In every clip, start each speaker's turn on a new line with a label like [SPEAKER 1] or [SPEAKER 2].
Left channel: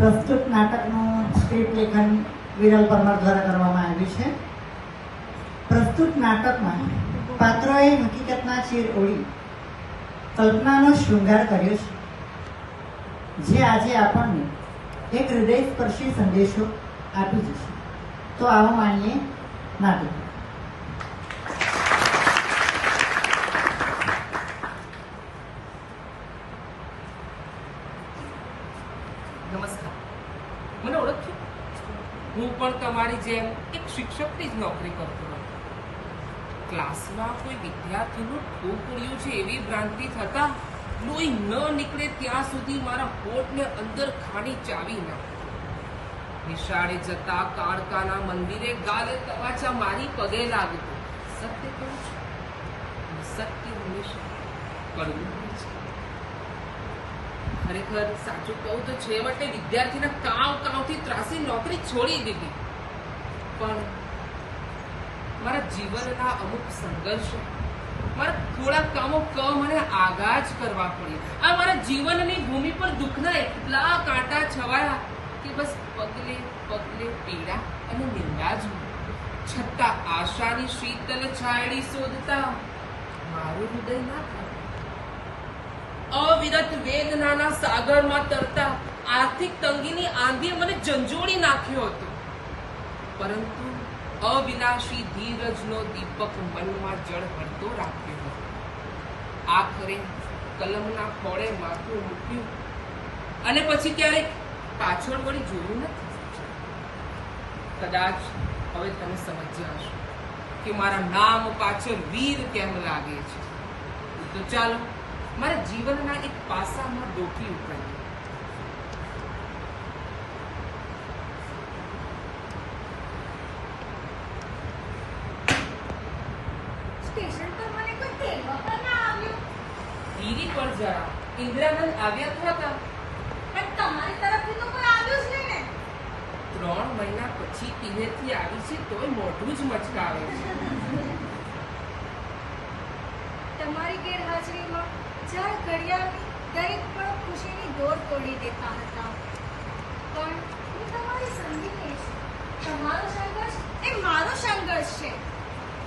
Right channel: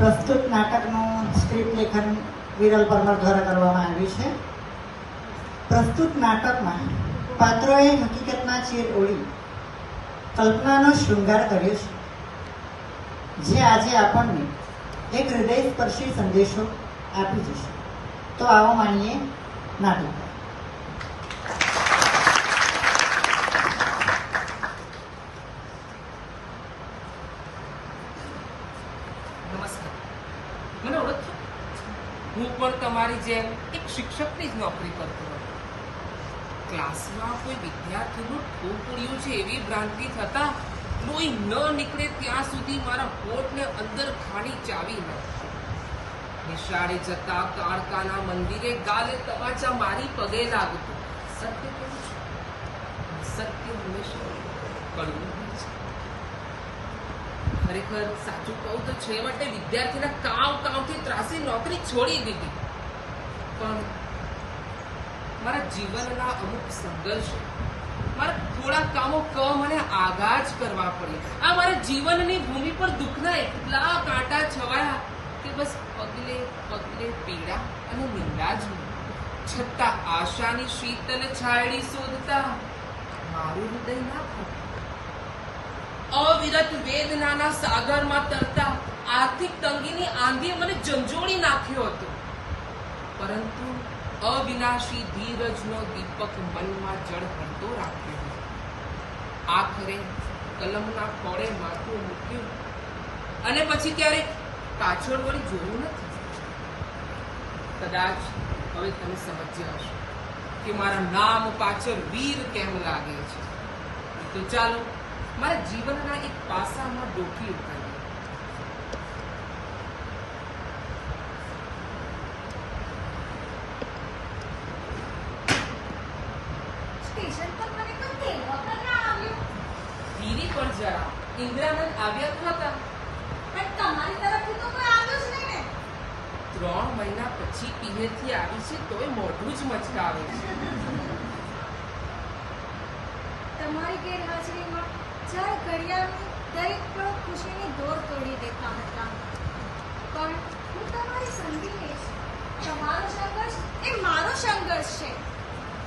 [SPEAKER 1] પ્રસ્તુત નાટકનું સ્ક્રિપ્ટ લેખન વિરલ પરમાર દ્વારા કરવામાં આવ્યું છે. પ્રસ્તુત નાટકમાં પાત્રોએ હકીકતના ચીર ઓળી, કલ્પનાનો શૃંગાર કર્યો છે. જે આજે આપણને એક હૃદયસ્પર્શી સંદેશો આપી જશે. તો આવો માણીએ નાટક
[SPEAKER 2] નમસ્કાર મને ઓળખશો હું પણ તમારી જેમ એક શિક્ષકની જ નોકરી કરતો હતો ક્લાસમાં કોઈ વિદ્યાર્થીનું ઠોકડ્યું છે એવી ભ્રાંતિ થતા લોહી ન નીકળે ત્યાં સુધી મારા હોઠને અંદર ખાણી ચાવી નાખી. નિશાળે જતા કાળકાના મંદિરે ગાલે તવાચા મારી પગે લાગતો. સત્ય કહું છું. સત્ય હંમેશા કરવું ખરેખર સાચું કહું તો છેવટે વિદ્યાર્થીના કાવ કાવથી ત્રાસી નોકરી છોડી દીધી. પણ મારા જીવનના અમુક સંઘર્ષ, મારા થોડા કામો ક મને જ કરવા પડ્યા આ મારા જીવનની ભૂમિ પર દુઃખના એટલા કાંટા છવાયા કે બસ પગલે પગલે પીડા અને નિંદા જ છતાં આશાની શીતલ છાયડી શોધતા મારું હૃદય ના અવિરત વેદનાના સાગરમાં તરતા આર્થિક તંગીની આંધીએ મને ઝંઝોળી નાખ્યો હતો. પરંતુ અવિનાશી ધીરજનો દીપક મનમાં જળ હળતો રાખ્યો હતો. આખરે કલમના ખોળે માથું મૂક્યું અને પછી ક્યારેક પાછળ વળી જોયું નથી. કદાચ હવે તમે સમજ્યા હશો કે મારા નામ પાછળ વીર કેમ લાગે છે? તો ચાલો, મારા જીવનના એક પાસામાં ડોકી ઉતારીએ.
[SPEAKER 3] સ્ટેશન પર મને કોઈ તેલ વગર ના આવ્યું.
[SPEAKER 2] ધીરી પણ જરા ઇન્દ્રાનંદ આવ્યા તો હતા.
[SPEAKER 3] પણ તમારી તરફથી તો કોઈ આવ્યું જ નહીં ને.
[SPEAKER 2] ત્રણ મહિના પછી પિહેરથી આવી છે તોય મોઢું જ મચકાવે છે.
[SPEAKER 3] તમારી ગેરહાજરીમાં ચાર ઘડિયાળની દરેક પળ ખુશીની દોર તોડી દેતા હતા. પણ હું તમારી સંગીને છું તમારો સંઘર્ષ એ મારો સંઘર્ષ છે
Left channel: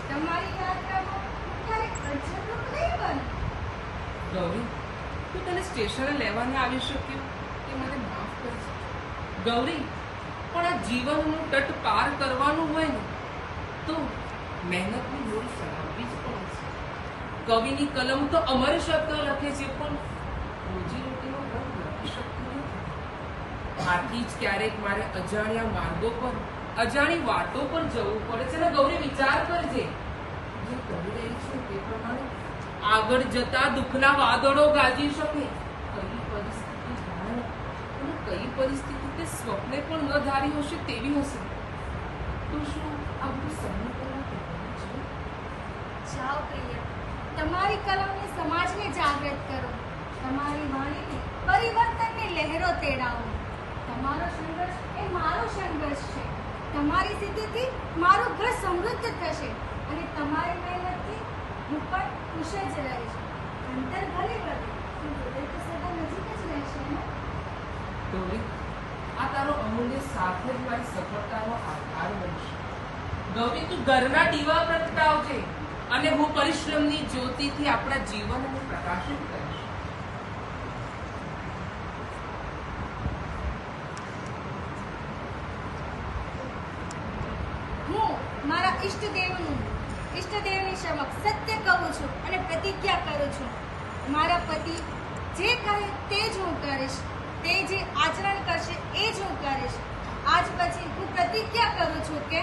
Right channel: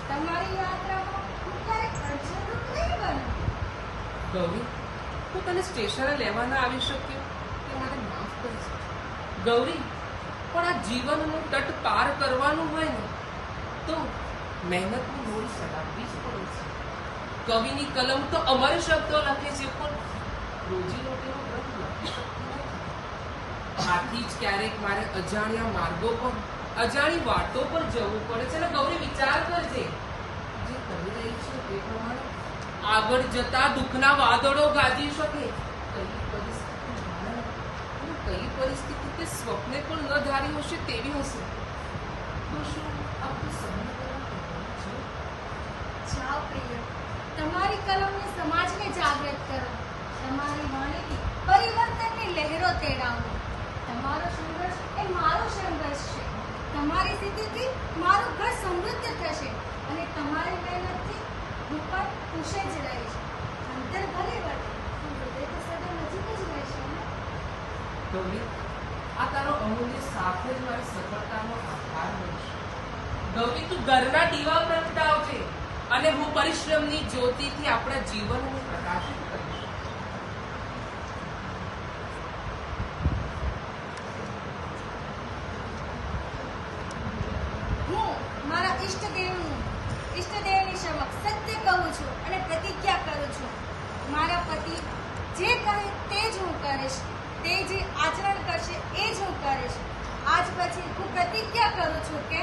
[SPEAKER 3] તમારી યાત્રામાં હું ક્યારેક અડચણરૂપ નહીં બનું
[SPEAKER 2] ગૌરી, હું તને સ્ટેશને લેવા ના આવી શક્યો? તે મને માફ કરજે. ગૌરી, પણ આ જીવનનું તટ પાર કરવાનું હોય ને, તો મહેનતની હોડી ચડાવવી જ પડે છે. કવિની કલમ તો અમર શબ્દો લખે છે, પણ રોજી રોટીનો રંગ લખી શકતો નથી. આથી જ ક્યારેક મારે અજાણ્યા માર્ગો પર, અજાણી વાતો પર જવું પડે છે. અને ગૌરી, વિચાર કરજે. જે કરી રહી છે તે પ્રમાણે આગળ જતા દુઃખના વાદળો ગાજી શકે. કઈ પરિસ્થિતિ કઈ પરિસ્થિતિ તે સ્વપ્ને પણ ન ધારી હશે તેવી હશે. તો શું આ બધું સહન કરવું કહેવાનું છે?
[SPEAKER 3] જાઓ પ્રિય, તમારી કલમને સમાજને જાગૃત કરો. તમારી વાણીની પરિવર્તનની લહેરો તેડાવો. તમારો સંઘર્ષ એ મારો સંઘર્ષ છે. તમારી સ્થિતિથી મારું ઘર સમૃદ્ધ થશે અને તમારી મહેનતથી હું પણ ખુશ જ રહીશ અંતર ભલે પણ હૃદય તો સદા નજીક જ રહેશે ને?
[SPEAKER 2] ગૌરી આ તારો અમૂલ્ય સાથ જ મારી સફળતાનો આધાર બનશે. ગૌરી તું ઘરના દીવા પ્રગટાવજે અને હું પરિશ્રમની જ્યોતિથી આપણા જીવનને પ્રકાશિત કરીશ.
[SPEAKER 3] હું મારા ઈષ્ટદેવનું ઈષ્ટદેવની સમક્ષ સત્ય કહું છું અને પ્રતિજ્ઞા કરું છું. મારા પતિ જે કહે તે જ હું કરીશ. તે જે આચરણ કરશે એ જ હું કરીશ. આજ પછી હું પ્રતિજ્ઞા કરું છું કે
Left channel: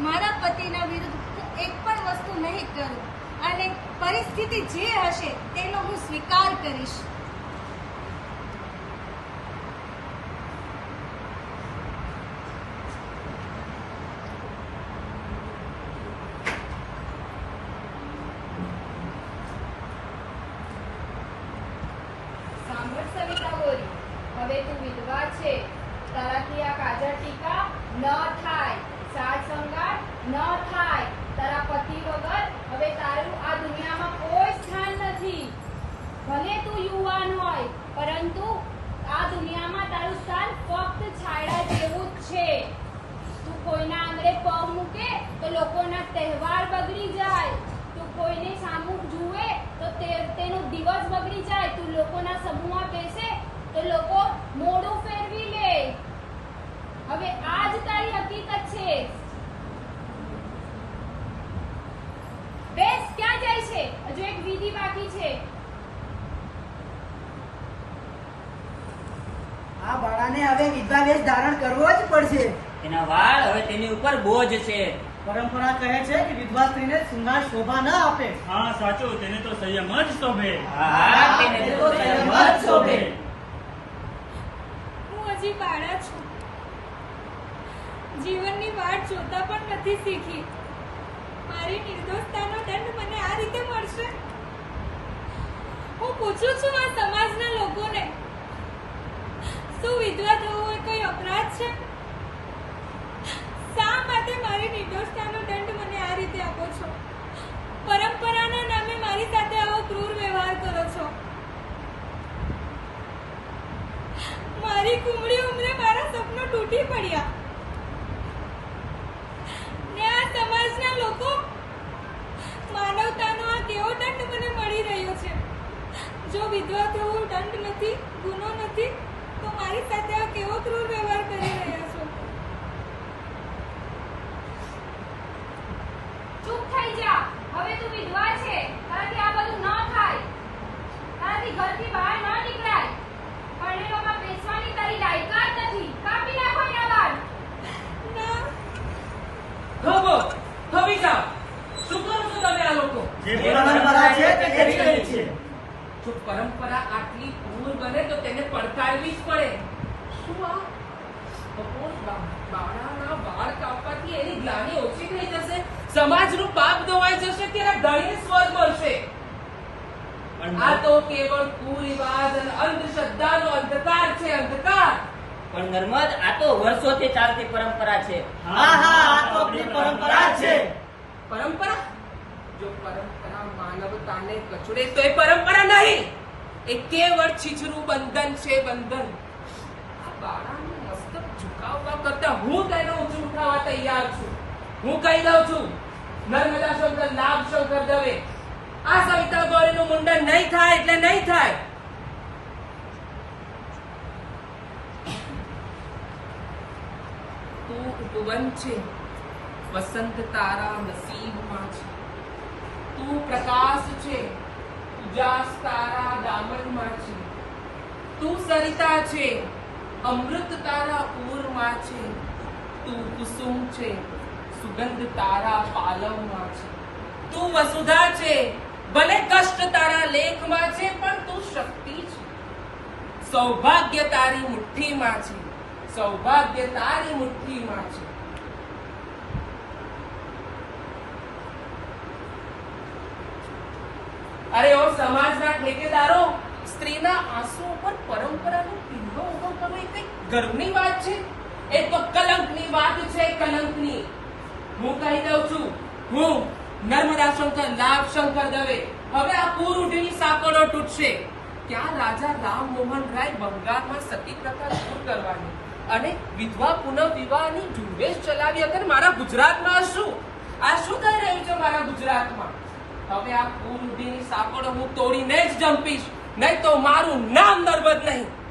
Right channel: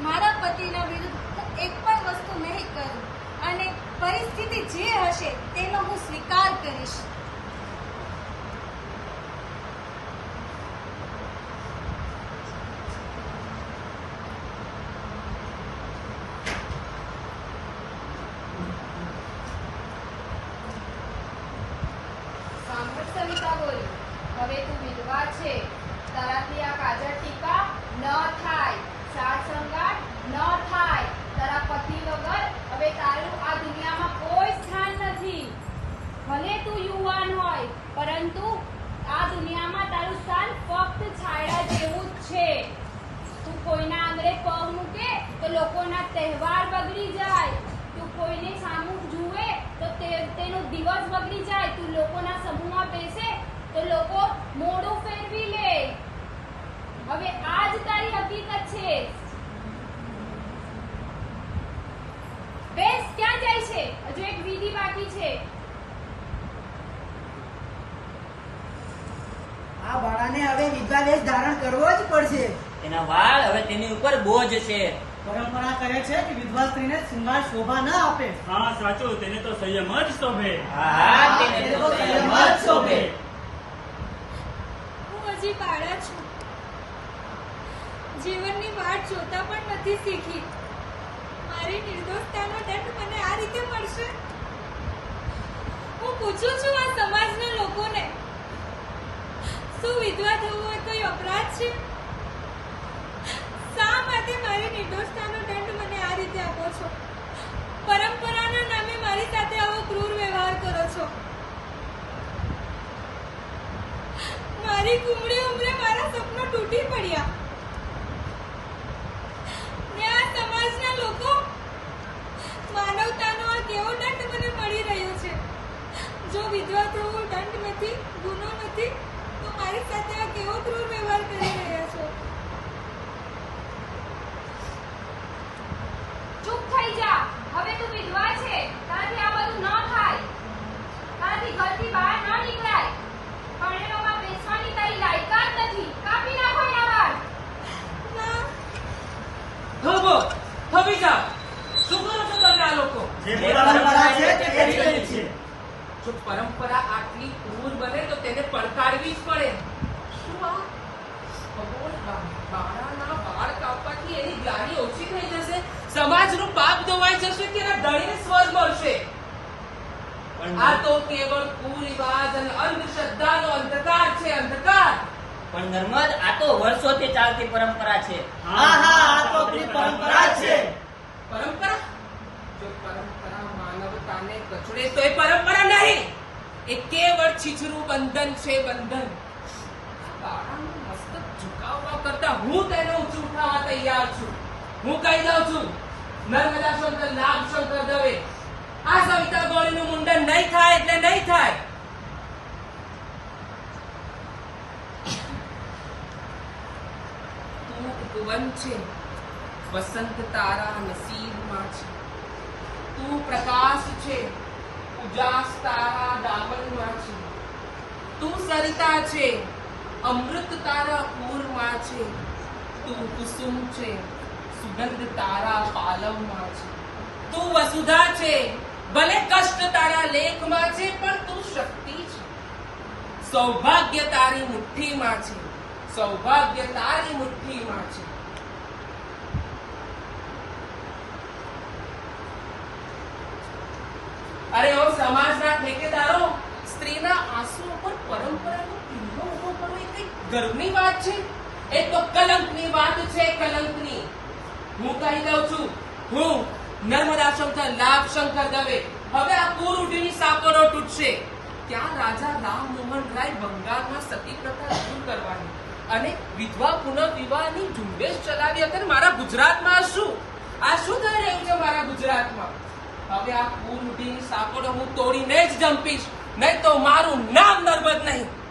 [SPEAKER 3] મારા પતિના વિરુદ્ધ હું એક પણ વસ્તુ નહીં કરું અને પરિસ્થિતિ જે હશે તેનો હું સ્વીકાર કરીશ.
[SPEAKER 4] ટીકા બોલી હવે તું વિધવા છે. તારાથી આ કાજર ટીકા ન થાય. સાર સંગાર ન થાય. તારા પતિ વગર હવે તારું આ દુનિયામાં કોઈ સ્થાન નથી. ભલે તું યુવાન હોય, પરંતુ આ દુનિયામાં તારું સ્થાન ફક્ત છાયડા જેવું જ છે. તું કોઈના આંગળે પગ મૂકે તો લોકોના તહેવાર બગડી જાય. તું કોઈને સામુ જુએ તો તેનો દિવસ બગડી જાય. તું લોકોના
[SPEAKER 5] સમૂહમાં બેસે હવે વિધવા વેશ ધારણ કરવો જ પડશે.
[SPEAKER 6] એના વાળ હવે તેની ઉપર બોજ છે.
[SPEAKER 5] પરંપરા કહે છે કે વિધવા સ્ત્રીને શૃંગાર શોભા ન આપે.
[SPEAKER 7] હા સાચું. તેને તો સંયમ જ શોભે.
[SPEAKER 6] હા તેને તો સંયમ જ શોભે.
[SPEAKER 3] હું હજી બાળા છું. જીવનની વાટ જોતા પણ નથી શીખી. મારી નિર્દોષતાનો દંડ મને આ રીતે મળશે? હું પૂછું છું આ સમાજના લોકોને શું વિધવા થવું એ કોઈ અપરાધ છે? શા માટે મારી નિર્દોષતાનો દંડ મને આ રીતે આપો છો? પરંપરાના નામે મારી સાથે આવો ક્રૂર વ્યવહાર કરો છો. મારી કુમળી ઉંમરે મારા સપનો તૂટી પડ્યા. ને આ સમાજના લોકો, માનવતાનો આ કેવો દંડ મને મળી રહ્યો છે? જો વિધવા થવું દંડ નથી, ગુનો નથી તો મારી સાથે આ કેવો ક્રૂર વ્યવહાર કરી રહ્યા છો
[SPEAKER 4] ચૂપ થઈ જા હવે તું વિધવા છે તારાથી આ બધું ન થાય તારાથી ઘરથી બહાર ન નીકળાય પરણેલોમાં બેસવાની તારી લાયકાત નથી કાપી નાખો એના વાળ
[SPEAKER 3] ના
[SPEAKER 2] થોભો થોભી જાઓ શું કરો છો તમે આ લોકો
[SPEAKER 7] જે
[SPEAKER 5] જે પરંપરા છે તે કરી રહી છે
[SPEAKER 2] જો પરંપરા આટલી ક્રૂર બને તો તેને જ પડે. શું આ? ભગવાન બાળાના બાળ કાપવાથી એની જ્ઞાની ઓછી થઈ જશે? સમાજનું પાપ ધોવાઈ જશે કે એના ધણીને સ્વર્ગ મળશે? આ તો કેવળ કુરિવાજ અને અંધશ્રદ્ધાનો અંધકાર છે અંધકાર.
[SPEAKER 6] પણ નર્મદ આ તો વર્ષોથી ચાલતી પરંપરા છે.
[SPEAKER 5] હા હા આ તો આપણી પરંપરા છે.
[SPEAKER 2] પરંપરા? જો પરંપરા માનવતાને કચડે તો એ પરંપરા નહીં. એ કેવળ છીછરું બંધન છે બંધન. બાળાનું મસ્તક ઝુકાવવા કરતા હું તેને ઊંચું ઉઠાવવા તૈયાર છું. હું કહી દઉં છું, નર્મદા શંકર લાભ શંકર દવે. આ સવિતા ગોળીનું મુંડન નહીં થાય એટલે નહીં થાય. તું ઉપવન છે, વસંત તારા નસીબમાં છે. તું પ્રકાશ છે ઉજાસ દામનમાં છે તું સરિતા છે, અમૃત તારા પૂરમાં છે. તું કુસુમ છે, સુગંધ તારા પાલવમાં છે. તું વસુધા છે, ભલે કષ્ટ તારા લેખમાં છે, પણ તું શક્તિ છે. સૌભાગ્ય તારી મુઠ્ઠીમાં છે. સૌભાગ્ય તારી મુઠ્ઠીમાં છે. અરે ઓ સમાજના ઠેકેદારો સ્ત્રીના આંસુ ઉપર પરંપરાનો કિલ્લો ઊભો કરવો એ કઈ ગર્વની વાત છે. એ તો કલંકની વાત છે, કલંકની. હું કહી દઉં છું, હું નર્મદા શંકર લાભ શંકર દવે. હવે આ ઉઠીની સાંકળો તૂટશે. ત્યાં રાજા રામ મોહન રાય બંગાળમાં સતી પ્રથા દૂર કરવાની અને વિધવા પુનર્વિવાહની ઝુંબેશ ચલાવી. અત્યારે મારા ગુજરાતમાં શું? આ શું થઈ રહ્યું છે મારા ગુજરાતમાં? હવે આ ઉઠીની સાંકળો હું તોડીને જ જંપીશ. નહીં તો મારું નામ નર્મદ નહીં.